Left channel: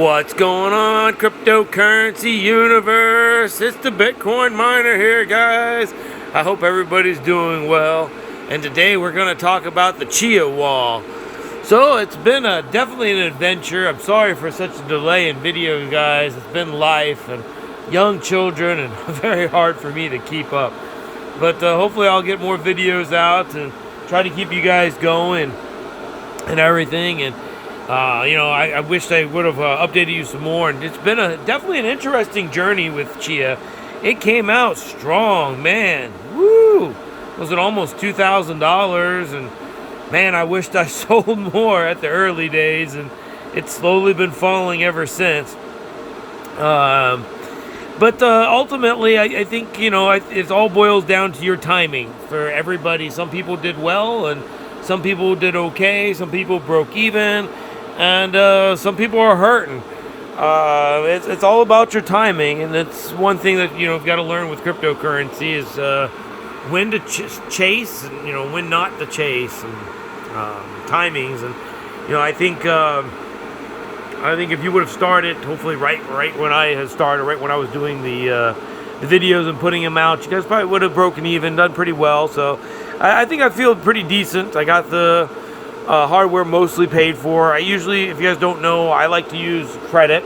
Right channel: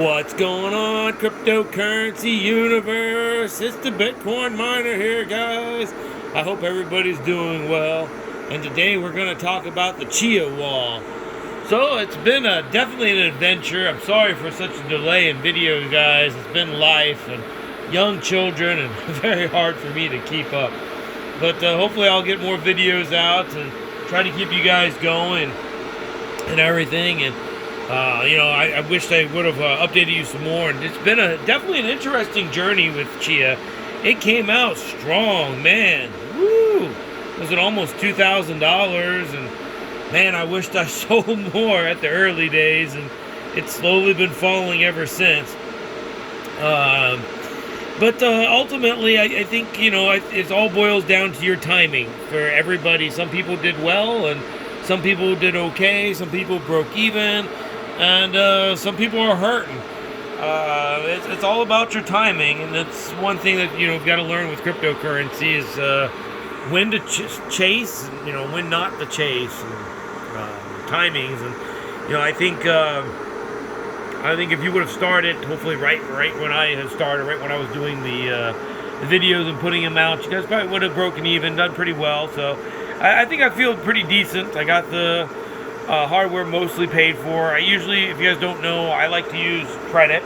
What's going on, cryptocurrency universe? It's the Bitcoin miner here, guys. I hope everybody's doing well. And today we're going to talk about the Chia wall. So it's been definitely an adventure. I'm sorry for such a delay in videos, guys. It's been life and young children and very hard for me to keep up. But hopefully I'll get more videos out and try to keep you guys going and everything. And I wish I would have updated you some more. And it's been definitely an interesting journey with Chia. It came out strong, man. Woo! Was it almost $2,000? And man, I wished I sold more at the early days. And it's slowly been falling ever since. But ultimately, I think, it all boils down to your timing for everybody. Some people did well, and some people did okay. Some people broke even. And some people are hurting. It's all about your timing, and it's one thing that you've got to learn with cryptocurrency is when to chase, and when not to chase, and timings. And I think if you would have started, hopefully right when I had started, right when I was doing the videos and putting them out, you guys probably would have broken even, done pretty well. So I think I feel pretty decent. I got the hardware mostly paid for. I usually, if you guys don't know, I like to use credit.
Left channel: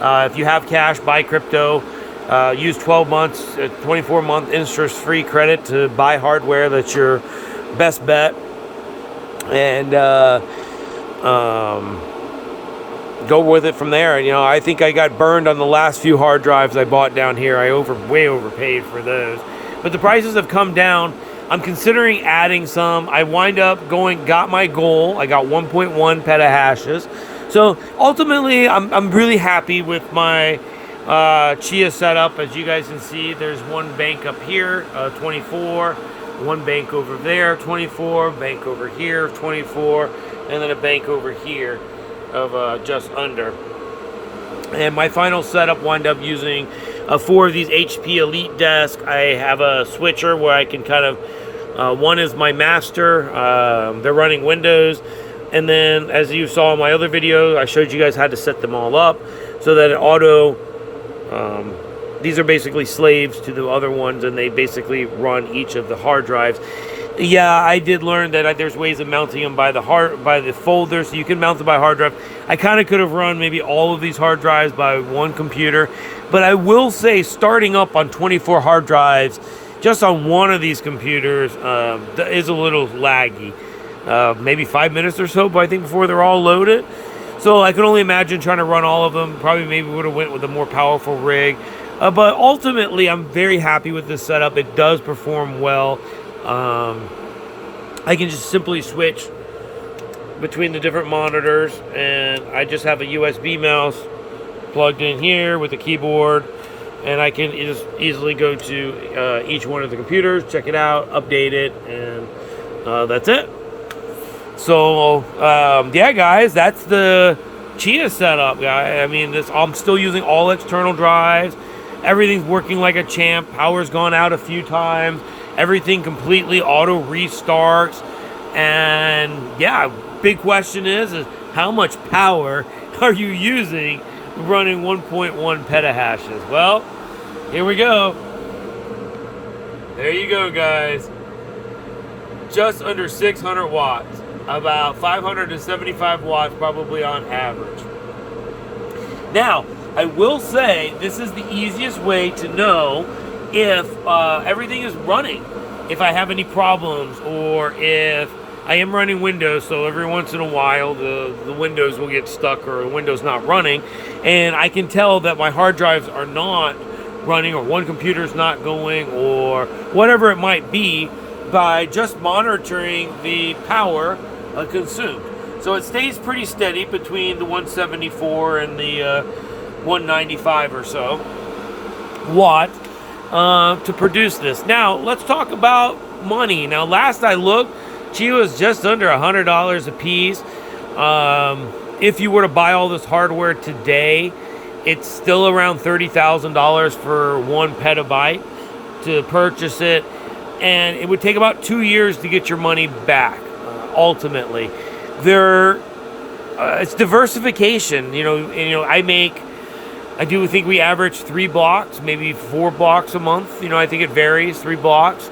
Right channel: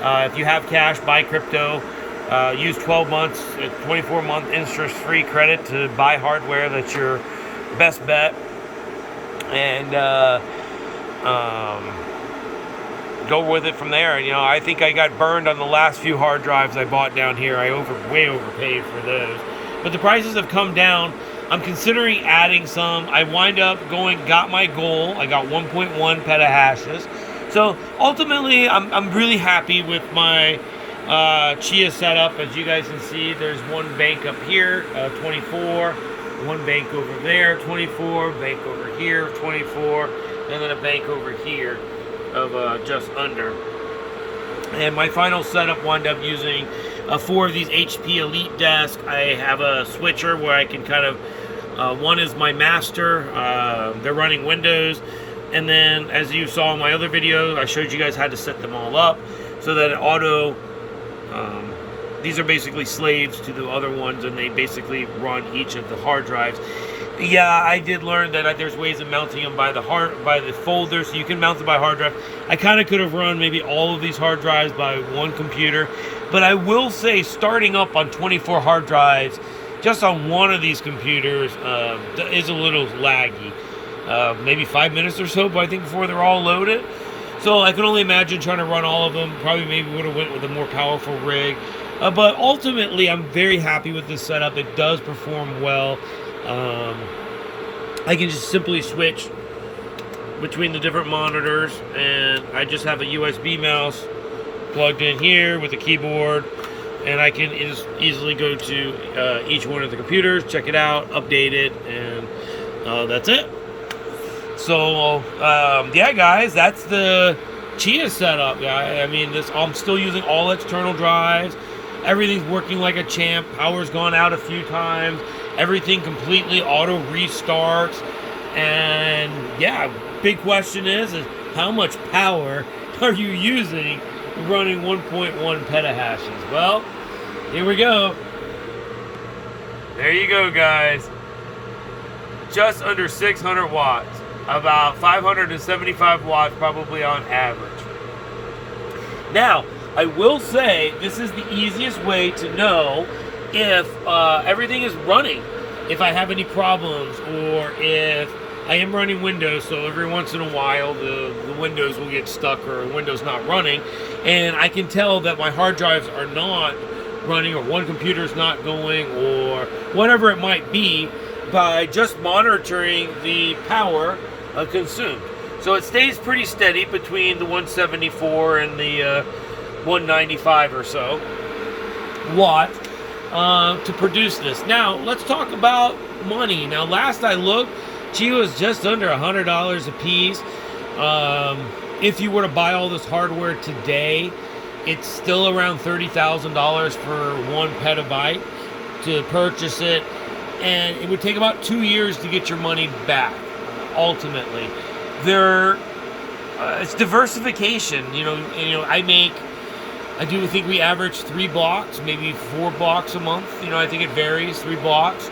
If you have cash, buy crypto. Use 12 months, 24-month interest-free credit to buy hardware. That's your best bet. And go with it from there. And I think I got burned on the last few hard drives I bought down here. I way overpaid for those. But the prices have come down. I'm considering adding some. I wind up got my goal. I got 1.1 petahashes. So ultimately, I'm really happy with my Chia setup. As you guys can see, there's one bank up here, 24, one bank over there, 24, bank over here, 24, and then a bank over here of just under. And my final setup wound up using 4 of these HP Elite desks. I have a switcher where I can kind of one is my master. They're running Windows. And then, as you saw in my other video, I showed you guys how to set them all up so that it auto... these are basically slaves to the other ones, and they basically run each of the hard drives. Yeah, I did learn that there's ways of mounting them by the folder, so you can mount them by hard drive. I kind of could have run maybe all of these hard drives by one computer. But I will say, starting up on 24 hard drives, just on one of these computers is a little laggy. Maybe 5 minutes or so, but I think before they're all loaded. So I can only imagine trying to run all of them. Probably maybe would have went with a more powerful rig. But ultimately, I'm very happy with this setup. It does perform well. I can just simply switch between the different monitors, and I just have a USB mouse plugged in here with a keyboard. And I can just easily go to each one of the computers, check it out, update it, and that's it. So, yeah, guys, that's the Chia setup, guys. I mean, I'm still using all external drives. Everything's working like a champ. Power's gone out a few times. Everything completely auto restarts. And, yeah, big question is how much power are you using running 1.1 petahashes? Well, here we go. There you go, guys. Just under 600 watts. About 575 watts probably on average. Now, I will say this is the easiest way to know if everything is running. If I have any problems, or if I am running Windows, so every once in a while the Windows will get stuck or the Windows not running, and I can tell that my hard drives are not running, or one computer's not going, or whatever it might be, by just monitoring the power consumed. So it stays pretty steady between the 174 and the 195 or so watt to produce this. Now let's talk about money. Now last I looked, Chia was just under $100 a piece. If you were to buy all this hardware today, it's still around $30,000 for 1 petabyte to purchase it, and it would take about 2 years to get your money back. Ultimately, there it's diversification. I do think we average 3 blocks, maybe 4 blocks a month. I think it varies, 3 blocks.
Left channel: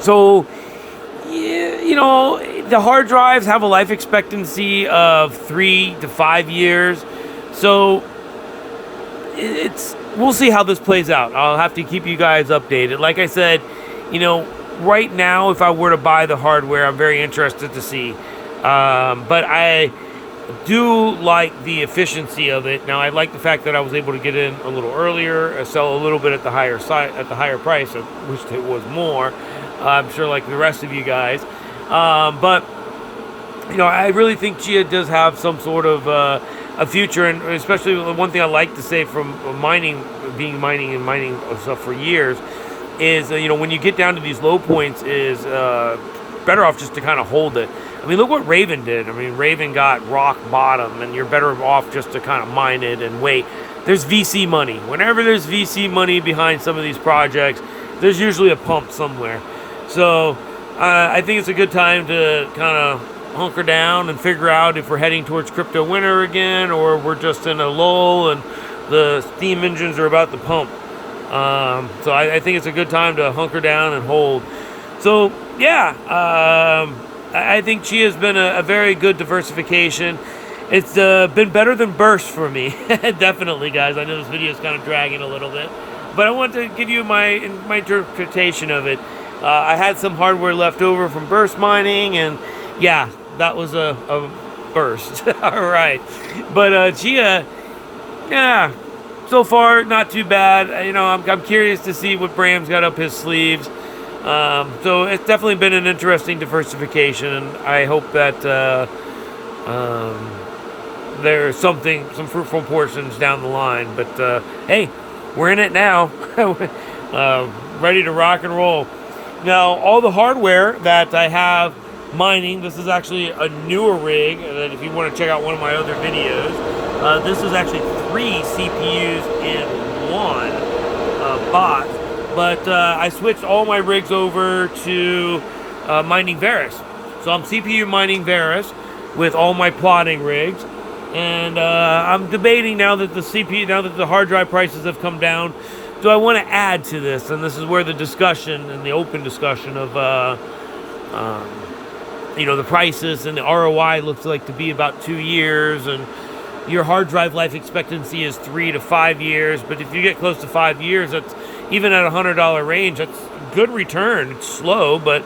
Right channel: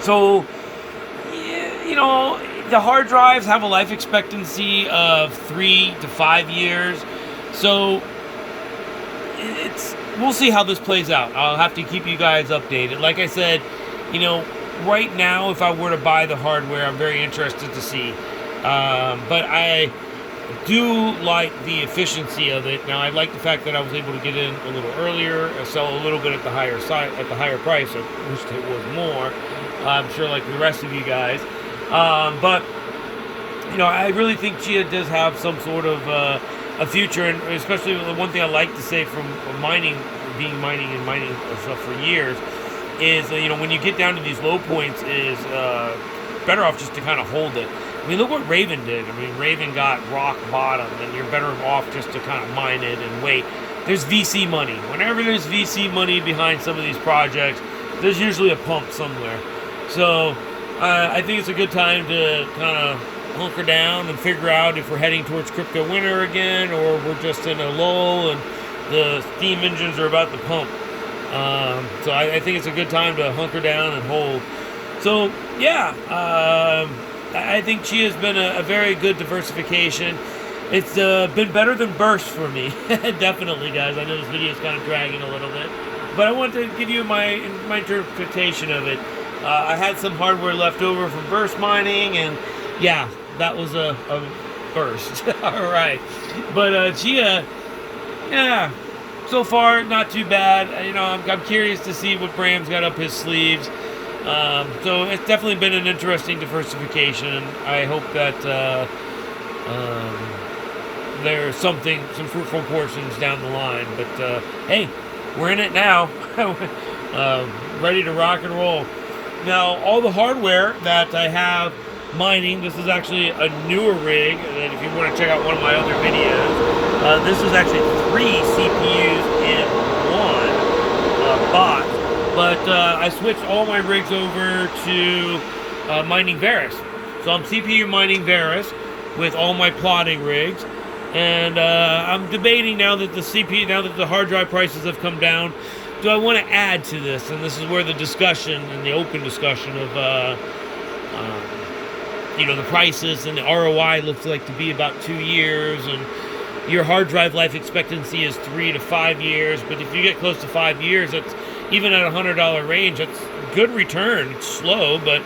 So, the hard drives have a life expectancy of 3 to 5 years. So we'll see how this plays out. I'll have to keep you guys updated. Like I said, right now, if I were to buy the hardware, I'm very interested to see. But I do like the efficiency of it. Now, I like the fact that I was able to get in a little earlier, sell a little bit at the higher price. I wish it was more. I'm sure, like the rest of you guys. But I really think Chia does have some sort of a future, and especially one thing I like to say from mining of stuff for years is when you get down to these low points, is better off just to kind of hold it. I mean, look what Raven did. I mean, Raven got rock bottom, and you're better off just to kind of mine it and wait. There's VC money. Whenever there's VC money behind some of these projects, there's usually a pump somewhere. So I think it's a good time to kind of hunker down and figure out if we're heading towards crypto winter again, or we're just in a lull and the steam engines are about to pump. So I think it's a good time to hunker down and hold. So yeah, I think Chia has been a very good diversification. It's been better than Burst for me. Definitely, guys. I know this video is kind of dragging a little bit, but I want to give you my interpretation of it. I had some hardware left over from Burst mining, and yeah, that was a Burst. All right. But Chia, yeah, so far not too bad. I'm curious to see what Bram's got up his sleeves. So it's definitely been an interesting diversification. I hope that there's some fruitful portions down the line. But hey, we're in it now. Ready to rock and roll. Now, all the hardware that I have mining, this is actually a newer rig. That if you want to check out one of my other videos, this is actually 3 CPUs in one box. But I switched all my rigs over to mining Verus. So I'm CPU mining Verus with all my plotting rigs. And I'm debating now that the hard drive prices have come down, do I want to add to this? And this is where the discussion and the open discussion of the prices and the ROI looks like to be about 2 years, and your hard drive life expectancy is 3 to 5 years. But if you get close to 5 years, that's even at $100 range, that's good return. It's slow, but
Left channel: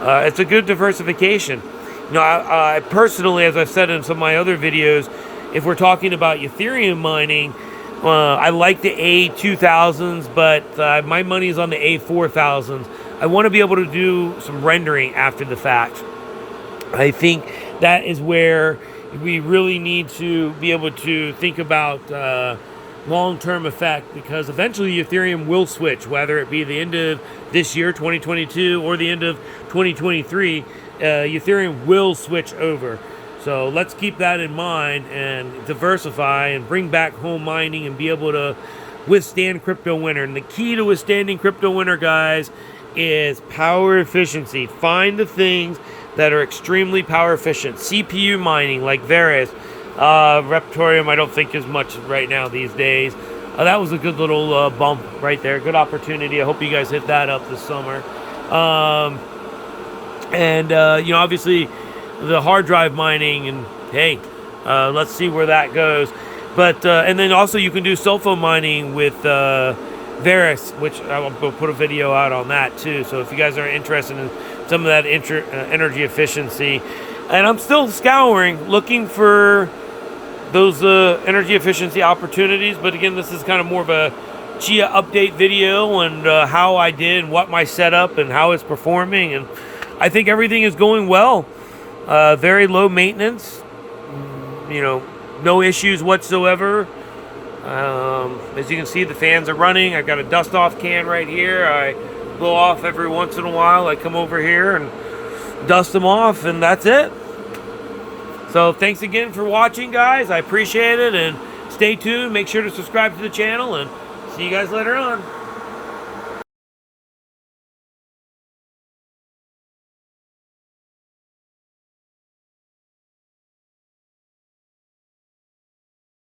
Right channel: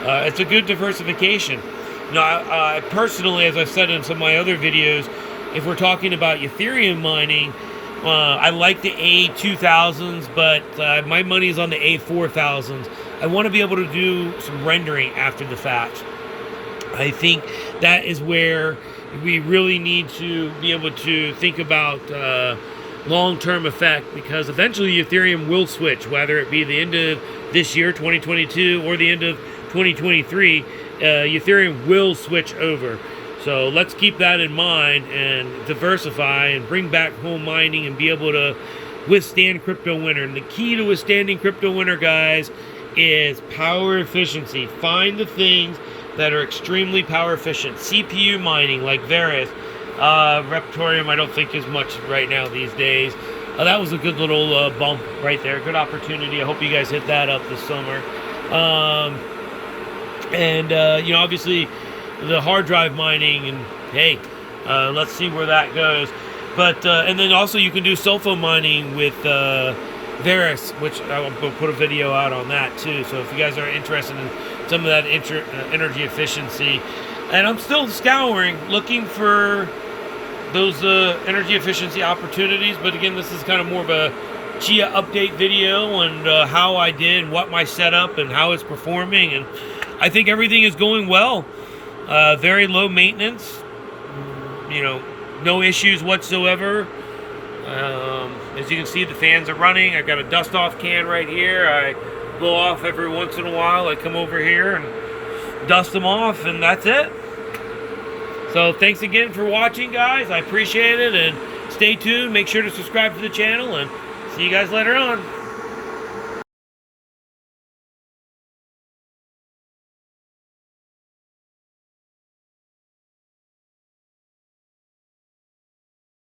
it's a good diversification. I personally, as I've said in some of my other videos, if we're talking about Ethereum mining, I like the A2000s, but my money is on the A4000s. I want to be able to do some rendering after the fact. I think that is where we really need to be able to think about long-term effect, because eventually Ethereum will switch, whether it be the end of this year, 2022, or the end of 2023, Ethereum will switch over. So let's keep that in mind and diversify and bring back home mining and be able to withstand crypto winter. And the key to withstanding crypto winter, guys, is power efficiency. Find the things that are extremely power efficient. CPU mining like Verus. Reptorium I don't think is much right now these days. That was a good little bump right there. Good opportunity. I hope you guys hit that up this summer. Obviously the hard drive mining, and hey, let's see where that goes. But and then also you can do cell phone mining with Verus, which I will put a video out on that too. So if you guys are interested in some of that energy efficiency, and I'm still scouring, looking for those energy efficiency opportunities. But again, this is kind of more of a Chia update video, and how I did and what my setup and how it's performing. And I think everything is going well. Very low maintenance, no issues whatsoever. As you can see, the fans are running. I've got a dust off can right here. I blow off every once in a while. I come over here and dust them off, and that's it. So thanks again for watching, guys. I appreciate it, and stay tuned. Make sure to subscribe to the channel, and see you guys later on.